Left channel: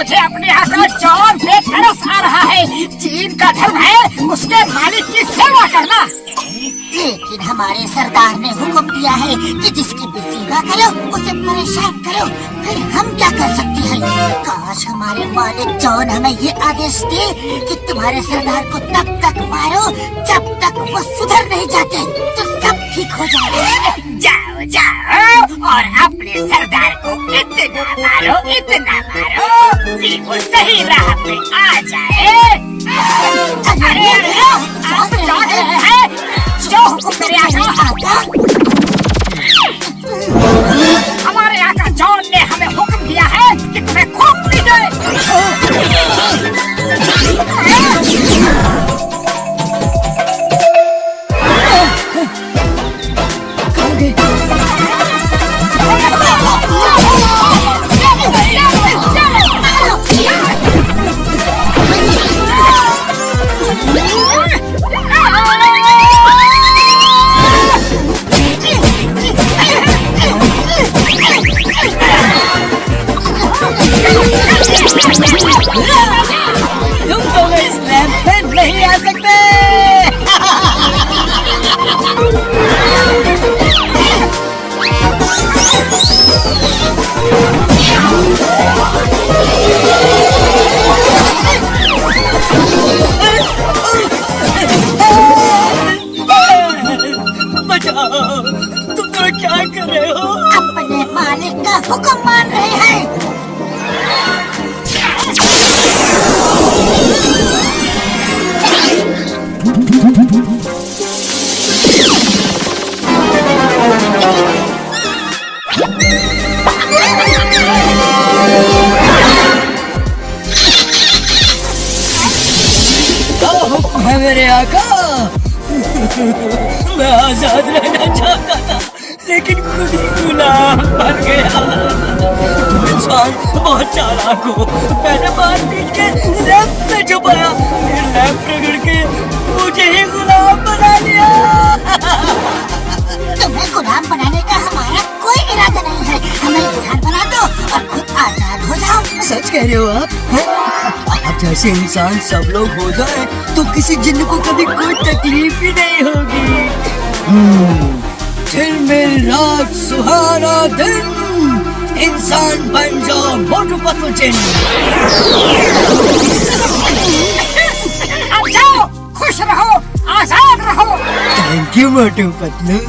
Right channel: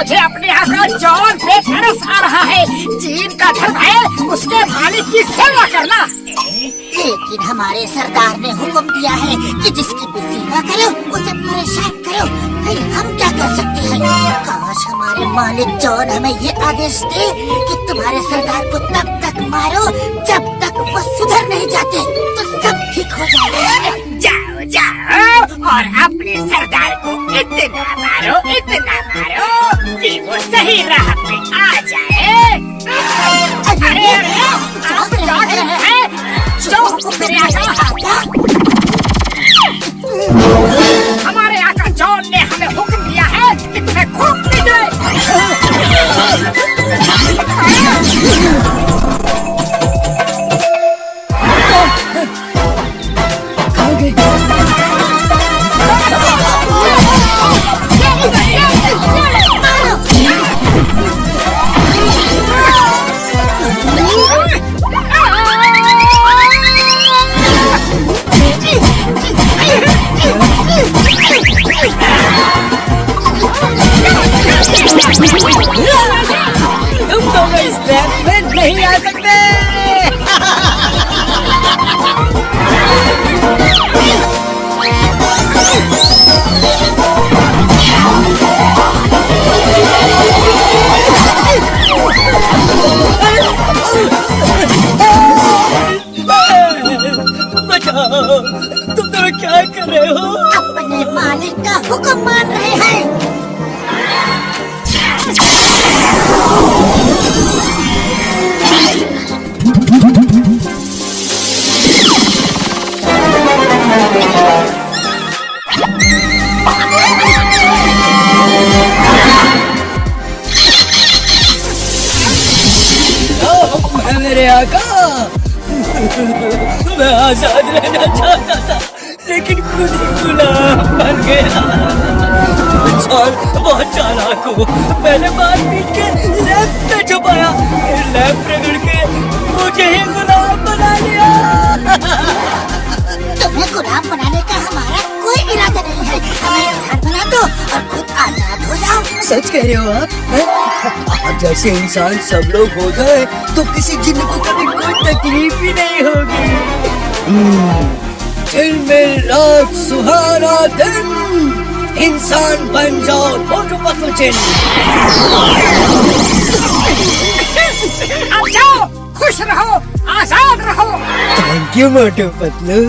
मुझे अपने आका जॉन पे तरस आ रहा है। जिनका धर्म है उसके मालिक की सेवा करना। लेकिन हमारे सरदार ने हुक्म दिया है कि जिसकी भी सेवा करो उसे परेशान करो, फिर हम क्या कर सकते हैं? काश हमारे मालिक जॉन हमें ये आदेश दे कि तुम्हारे सरदार को तब तक मारो जब तक वो सुधर नहीं जाते, तो सब ठीक हो जाएगा। जाओ जाओ और अपने सरदार को इतना मारो कि वो सही राह पे आ जाए। अरे आप जॉन है जो हमारे आका जॉन ने हमें हुक्म दिया है कि तुम्हें खूब पीटे। तुम दोनों इस रैंप में नहीं आ सकते। बचाओ, तुम दोनों क्या कर रहे हो? अपने मालिक का हुक्म मान रहे हैं। मेरे आका, मैं आजाद रहना चाहता था, लेकिन खुद ही गुनाह बन गया। इंसान बहुत चालाक हो, पहले मार पीट के रैंप में छुपाया, फिर रैंप रगड़ के मुझे ही गुलाम बना दिया। तुम्हें गुलाम बनाने का हमारा कोई इरादा नहीं है। हमें इंसान बना दो और खुद आजाद हो जाओ। सच कह रहे हो आप जैसे इंसान सब लोग हो जाए तो किसी जिन्न को कभी कोई तकलीफ ही नहीं होगी। दिन में रात सुहाना दिन, इंसान बन जाओ मोटू पतलू जिन्न। अब जाओ, खुश रहो, आजाद रहो। Thank you Motu Patlu.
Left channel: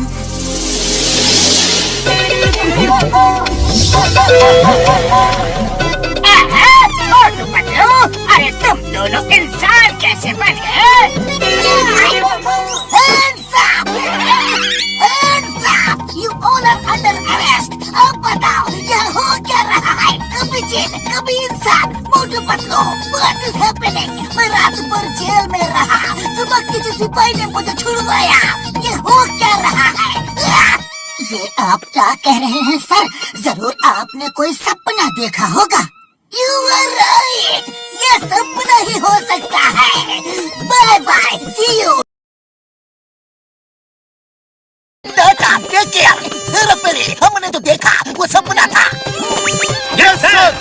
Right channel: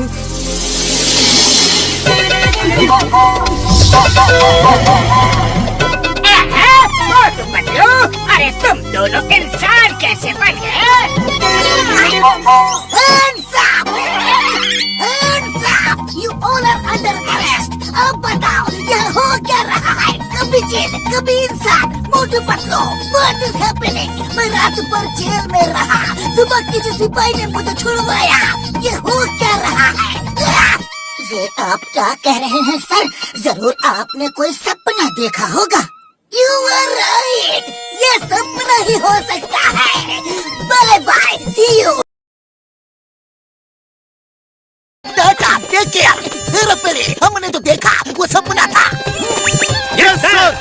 मोटू पतलू, अरे तुम दोनों इंसान कैसे बन गए? You all are under arrest. अब बताओ यह हो क्या रहा है? कभी जेल, कभी इंसान। Motu Patlu, what is happening? मैं रात भर जेल में रहा, सुबह किसी सिपाही ने मुझे छुड़वाया। ये हो क्या रहा है? ये आप क्या कह रहे हैं सर? जरूर आपने कोई सपना देखा होगा। You are right. ये सपना ही हो सकता है। Bye bye, see you. देखिए, हमने तो देखा वो सपना था। Yes sir.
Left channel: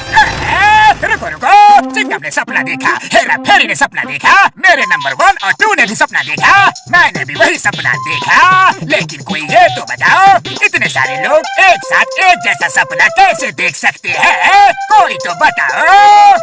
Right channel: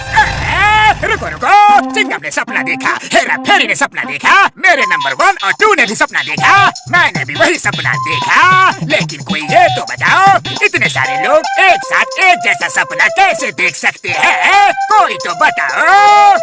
रुको, चिंगम ने सपना देखा, हेरा फेरी ने सपना देखा, मेरे नंबर 1 और 2 ने भी सपना देखा, मैंने भी वही सपना देखा। लेकिन कोई ये तो बताओ, इतने सारे लोग एक साथ एक जैसा सपना कैसे देख सकते हैं? कोई तो बताओ।